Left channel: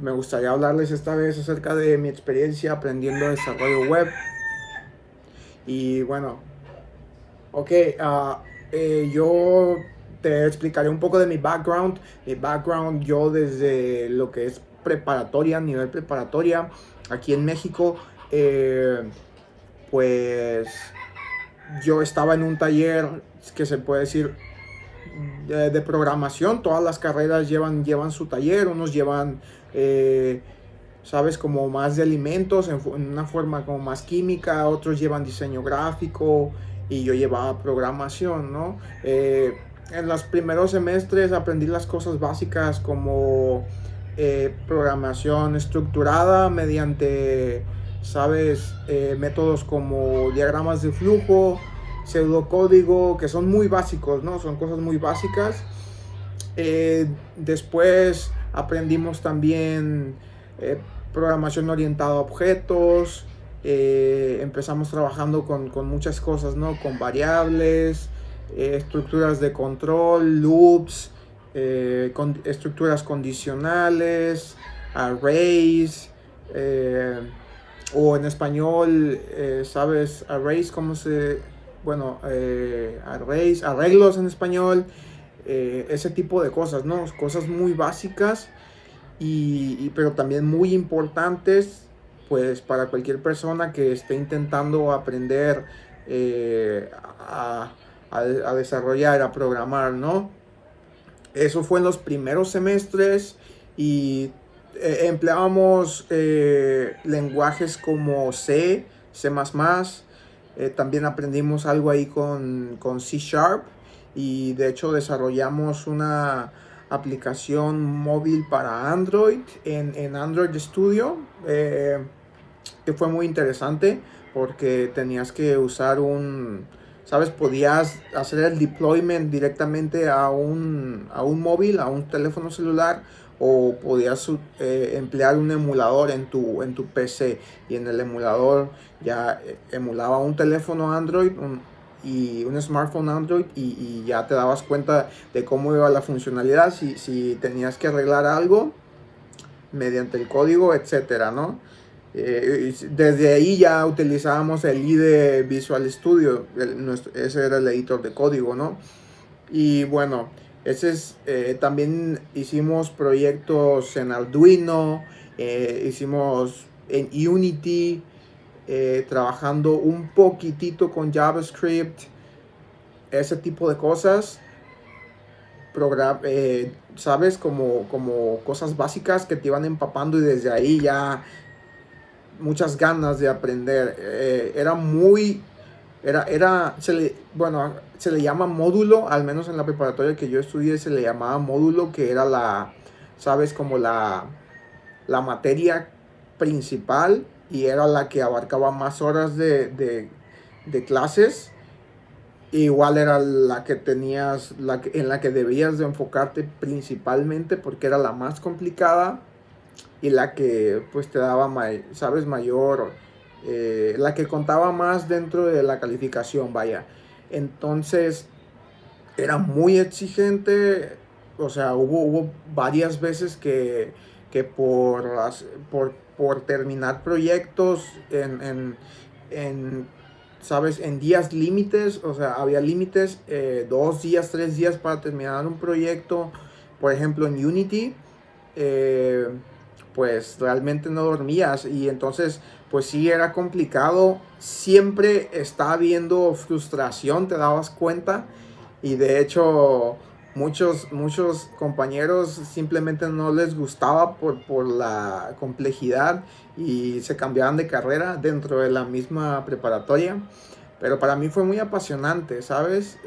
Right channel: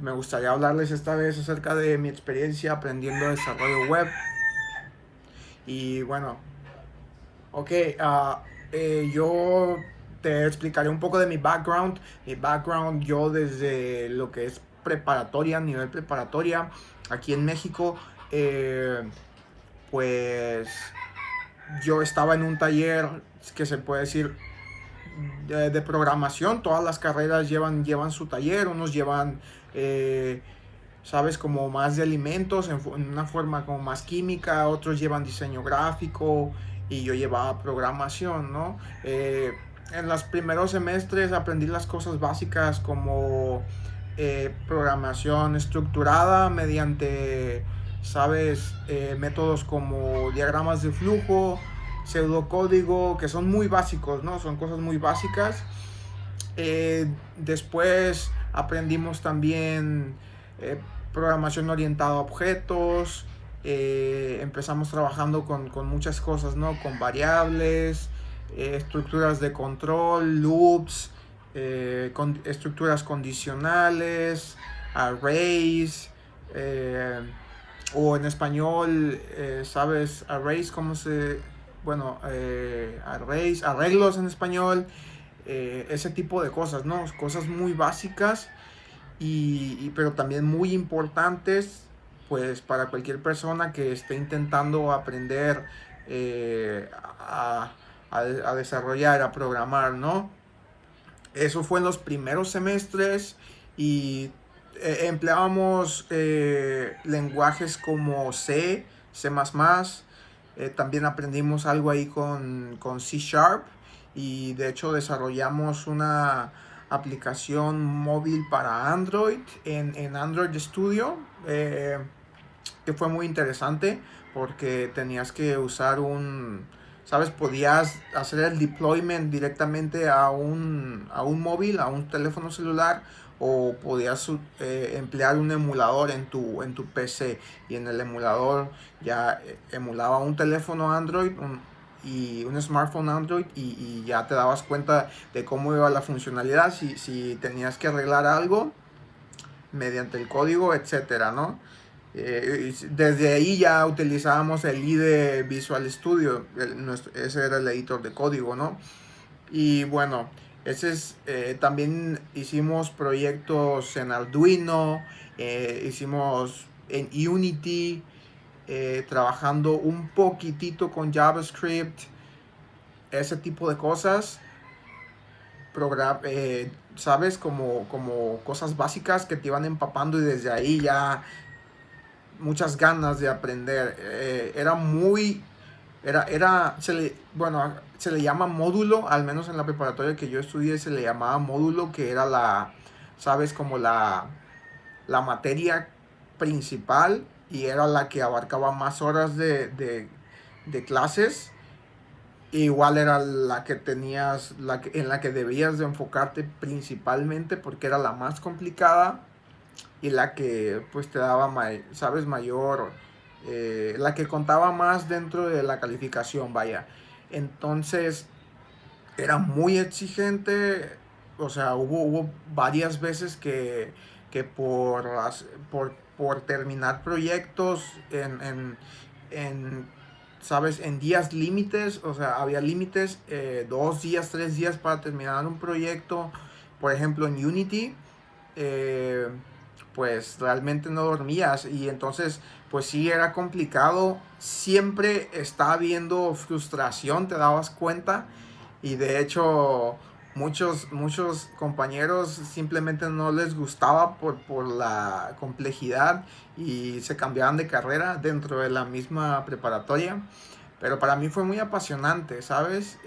Me gustaría hablarles esta vez acerca de mi experiencia aprendiendo desarrollo web. Y bueno, ok, yo te explicaré un poco de mi background. Mi background, yo desde lo que es preparatoria, nivel preparatoria, aquí en México, pues yo estaba en un taller que se puede decir de programación. Todas las carreras llevan su taller, unos llevan sabes, como más de alimentos, en una forma como más química, otros llevan diseño gráfico y yo llevaba programación, ¿no? En los primeros semestres aprendí las cosas básicas como programación estructurada mediante, sabes, métodos como diagramas de flujo, pseudocódigo, que son muy básicos, ¿no? Son cosas muy básicas. Después aprendimos también programación orientada a objetos. Empezamos trabajando con muchas cosas, ¿no? Con variables, estructuras de control, loops, con estructuras condicionales, arrays, o en español, ¿sabes? Arrays, ¿cómo se...? Bueno, arrays, arreglos en español, ese tipo de cosas, ¿no? Cosas muy básicas pero también muy importantes, pues para cualquier persona que esté intentando aprender a, a desarrollar, a programar, ¿no? Eso fue en los primeros semestres y empleábamos lenguajes como C++. También aprendimos algo ahí con C Sharp y de hecho desarrollamos una aplicación móvil para Android en Android Studio, que fue muy interesante porque tenías que usar ¿sabes? Podías hacer el deployment directamente a un móvil, a un teléfono celular, o podías emplear un emulador en tu PC, y en el emulador ya emulaba un teléfono Android y un smartphone Android, y ya te dabas cuenta de cómo iba la funcionalidad, si tenías que arreglar algo mediante el código, etcétera, ¿no? Desde ahí ya utilizábamos el IDE Visual Studio, ese era el editor de código, ¿no? Y bueno, también hicimos proyectos en Arduino, hicimos en Unity, trabajando un poquitito con JavaScript, ese tipo de cosas. ¿Sabes? Como cosas básicas que te iban empapando, y desde ahí ya muchas ganas de aprender. Era muy, era, bueno, se le llama módulo, al menos en la preparatoria que yo estudié se le llamaba módulo, que era sabes, como la materia principal, y era la que abarcaba más horas de clases. Igual era la que tenías, en la que debías de enfocarte principalmente, porque era la más complicada y la que pues te daba, sabes, mayor, la que contaba más dentro de la calificación, vaya. Entonces era muy exigente, o sea, hubo varias veces que por terminar proyectos en, ¿sabes? En días límites, o sea, había límites, 2 días, 3 días para terminar un proyecto. Por ejemplo, en Unity, eh, pues realmente no dormías, y entonces pues sí era complicado. Siempre estaba habiendo frustración, te dabas cuenta, y de hecho muchos compañeros simplemente no les gustaba por la complejidad y se cambiaban de carrera dentro de la misma preparatoria. Pero para mí fue muy apasionante, ¿sabes?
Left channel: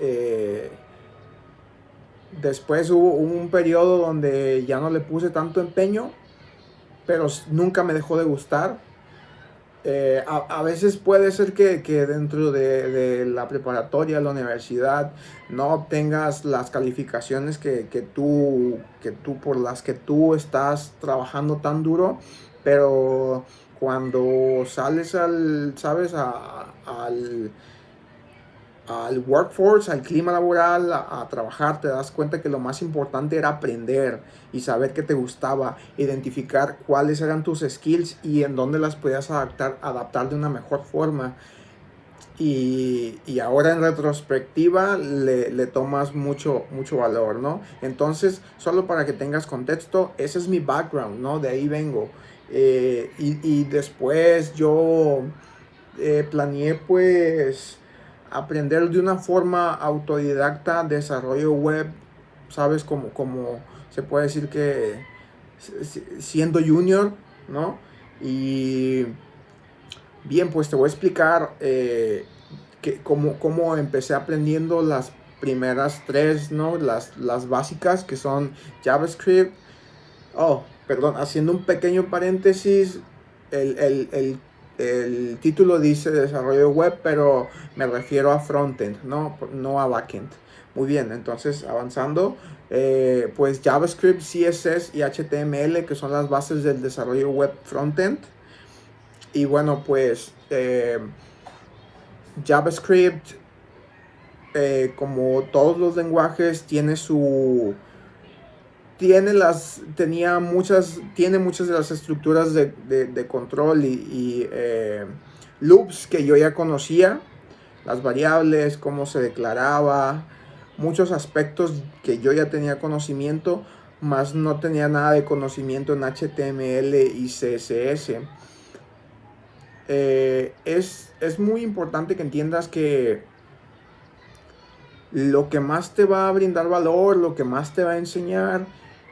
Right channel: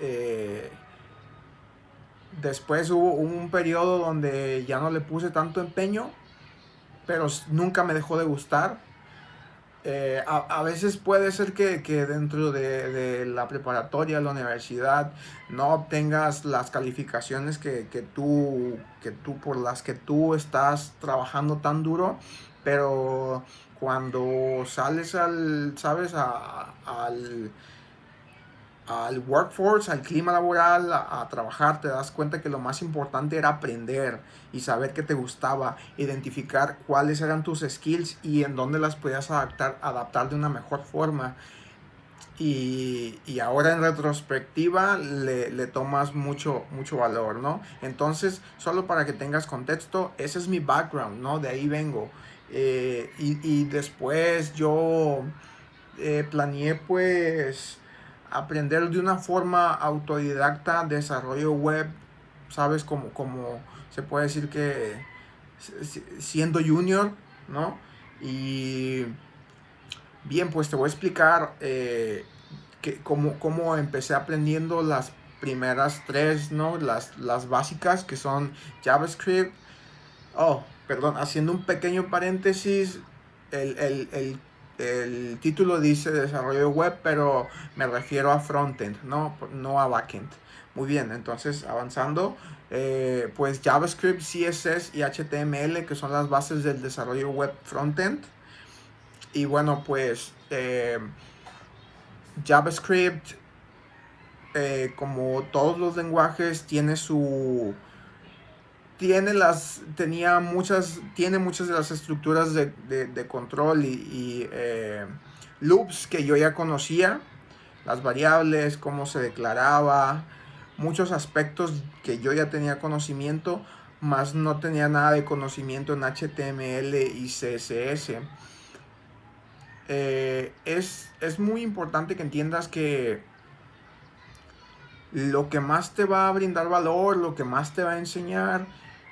Después hubo un periodo donde ya no le puse tanto empeño, pero nunca me dejó de gustar. A veces puede ser que dentro de la preparatoria, la universidad, no obtengas las calificaciones que tú por las que tú estás trabajando tan duro, pero cuando sales al, ¿sabes? al workforce, al clima laboral, a trabajar, te das cuenta que lo más importante era aprender y saber qué te gustaba, identificar cuáles eran tus skills y en dónde las podías adaptar de una mejor forma. Y ahora en retrospectiva le tomas mucho valor, ¿no? Entonces, solo para que tengas contexto, ese es mi background, ¿no? De ahí vengo. Y después yo planeé pues aprender de una forma autodidacta desarrollo web, ¿sabes? Como se puede decir que siendo junior, ¿no? Y bien, pues te voy a explicar cómo empecé aprendiendo las primeras tres, ¿no? Las básicas que son JavaScript. Oh, perdón, haciendo un pequeño paréntesis, el, el, el, el título dice desarrollo web, pero me refiero a frontend, no a backend. Muy bien, entonces avanzando, pues JavaScript, CSS y HTML, que son las bases del desarrollo web frontend. Y bueno, pues JavaScript, como todos los lenguajes, tiene muchas de las estructuras de control y loops que yo ya conocía, las variables, cómo se declaraba, muchos aspectos que yo ya tenía conocimiento, más no tenía nada de conocimiento en HTML y CSS. Es muy importante que entiendas que lo que más te va a brindar valor, lo que más te va a enseñar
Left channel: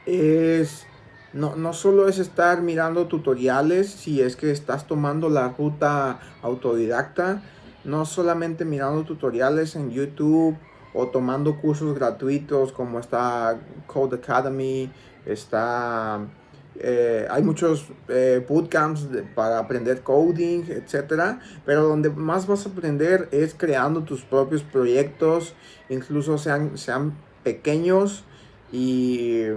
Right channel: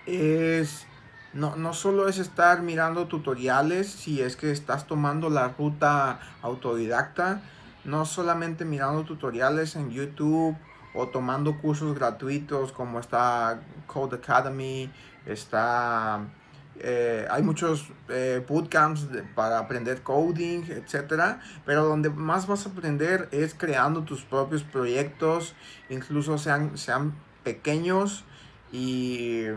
es no solo es estar mirando tutoriales, si es que estás tomando la ruta autodidacta, no solamente mirando tutoriales en YouTube o tomando cursos gratuitos como está Code Academy, hay muchos bootcamps para aprender coding, etcétera, pero donde más vas a aprender es creando tus propios proyectos, incluso sean pequeños y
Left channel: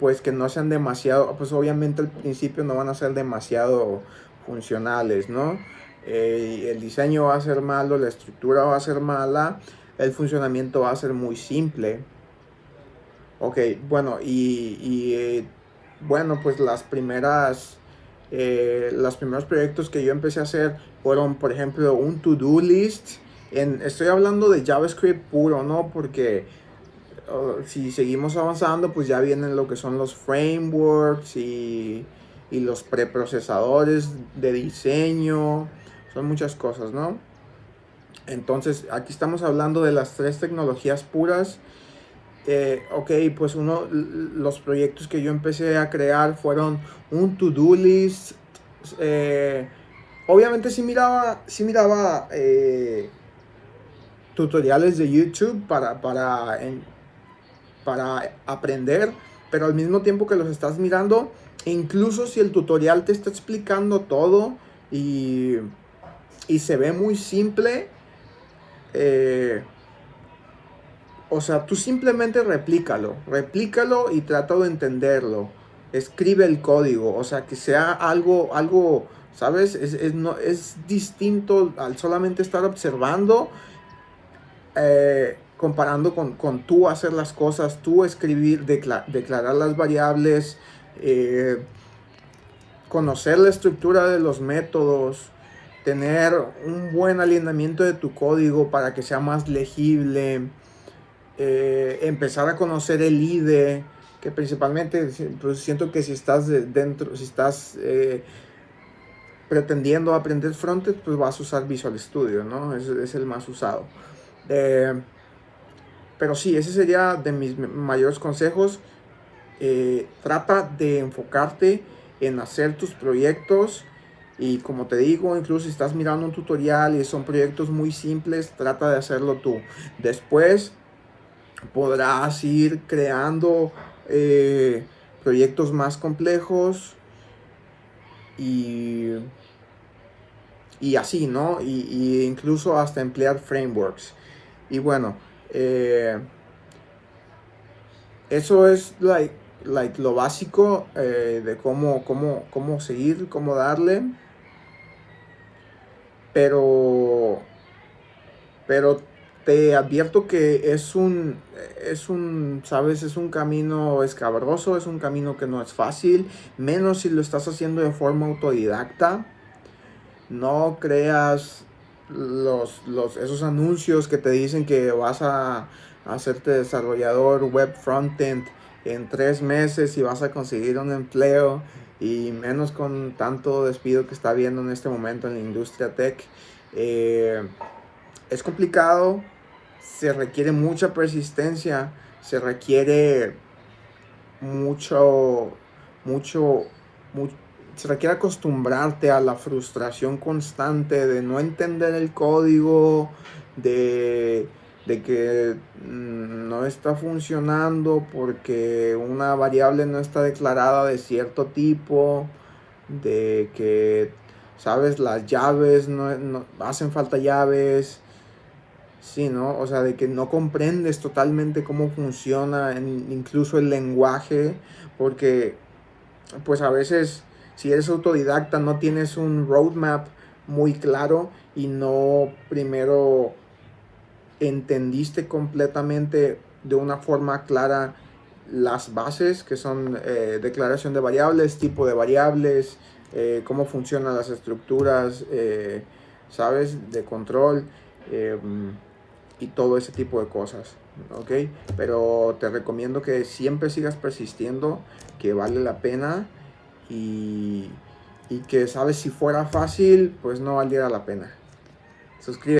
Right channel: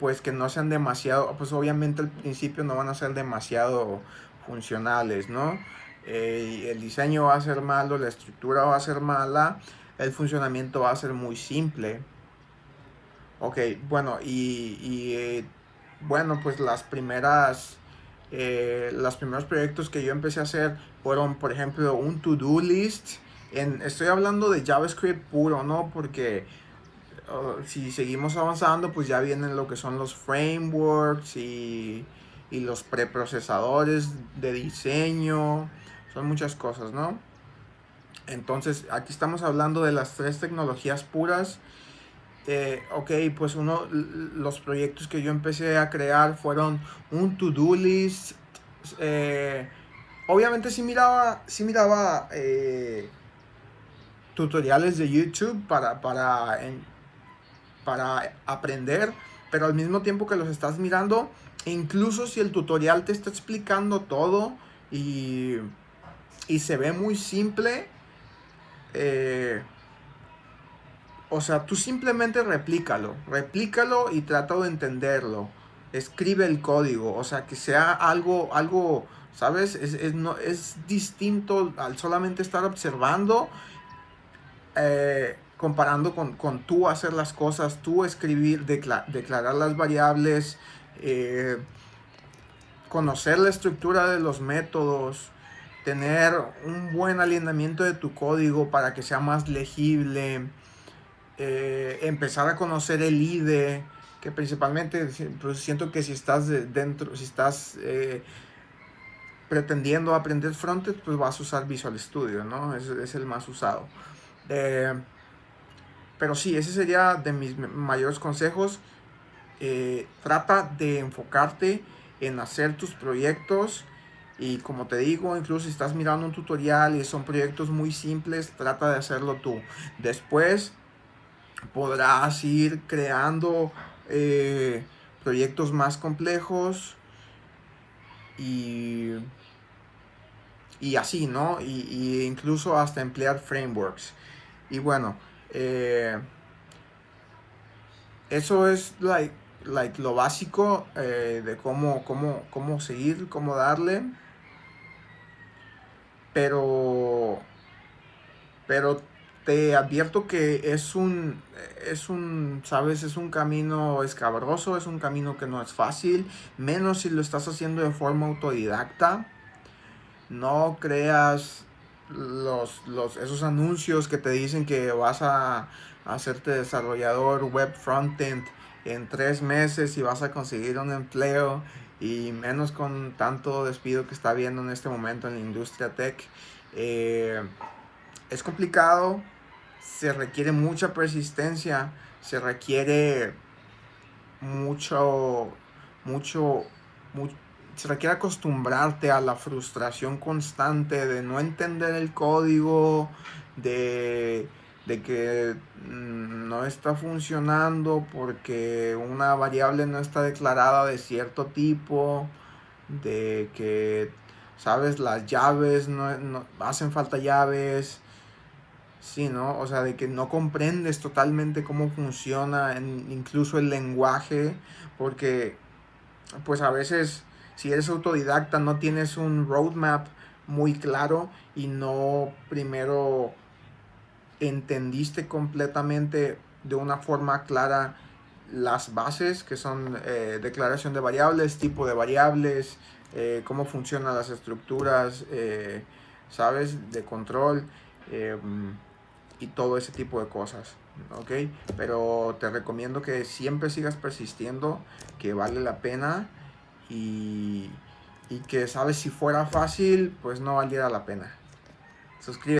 pues que no sean demasiado, pues obviamente al principio no van a ser demasiado funcionales, ¿no? El diseño va a ser malo, la estructura va a ser mala, el funcionamiento va a ser muy simple. Ok, bueno, bueno, pues los primeros proyectos que yo empecé a hacer fueron, por ejemplo, un to-do list. Estoy hablando de JavaScript puro, ¿no? Porque si seguimos avanzando, pues ya vienen lo que son los frameworks y los preprocesadores de diseño. Son muchas cosas, ¿no? Entonces, aquí estamos hablando de las tres tecnologías puras. Ok, pues los proyectos que yo empecé a crear fueron un to-do list. Obviamente sí miraba tutoriales de YouTube para aprender, pero al mismo tiempo que los estás mirando, incluso si el tutorial te está explicando todo y se ve muy simple, o sea, tú simplemente replícalo y trata de entenderlo. Escribe el código, o sea, que sea algo, ¿sabes? Es distinto al solamente estar observando, comparando con tú hacer las cosas, tú escribir, declarar las variables, conocer la estructura de los métodos, tener un buen alineamiento de tu código para que sea más legible. Empezar a conocer el IDE, que principalmente pues siento que si estás si estás pretendiendo aprender frontend, pues vas a usar Visual Studio, ¿no? Es el más usado. Pero sí, ese sería de mis mayores consejos. Trata de enfocarte en hacer tus proyectos. Y como te digo, incluso si estás mirando un tutorial y son proyectos muy simples, trata de hacerlo tú. Después podrás ir creando proyectos más complejos y así, ¿no? Y incluso hasta emplear frameworks. Y bueno, eso es lo básico de cómo seguir, cómo darle. Pero pero te advierto que sabes, es un camino escabroso, es un camino que no es fácil, menos si lo estás haciendo de forma autodidacta. No creas esos anuncios que te dicen que vas a hacerte desarrollador web frontend en 3 meses y vas a conseguir un empleo, y menos con tanto despido que está habiendo en este momento en la industria tech. Es complicado, se requiere mucha persistencia, se requiere mucho, mucho, mu- se requiere acostumbrarte a la frustración constante de no entender el código, de, de que no está funcionando porque una variable no está declarada de cierto tipo, de que, sabes, las llaves, no hacen falta llaves. Sí, ¿no? O sea, de que no comprendes totalmente cómo funciona incluso el lenguaje, porque pues a veces si eres autodidacta no tienes un roadmap muy claro y no primero entendiste completamente de una forma clara las bases, que son declaración de variables, tipo de variables, cómo funcionan las estructuras, ¿sabes? De control. eh, y todo ese tipo de cosas, ¿ok? Pero te recomiendo que siempre sigas persistiendo, que vale la pena, y, y que, sabes, si fuera fácil, pues no valiera la pena. Suscríbete.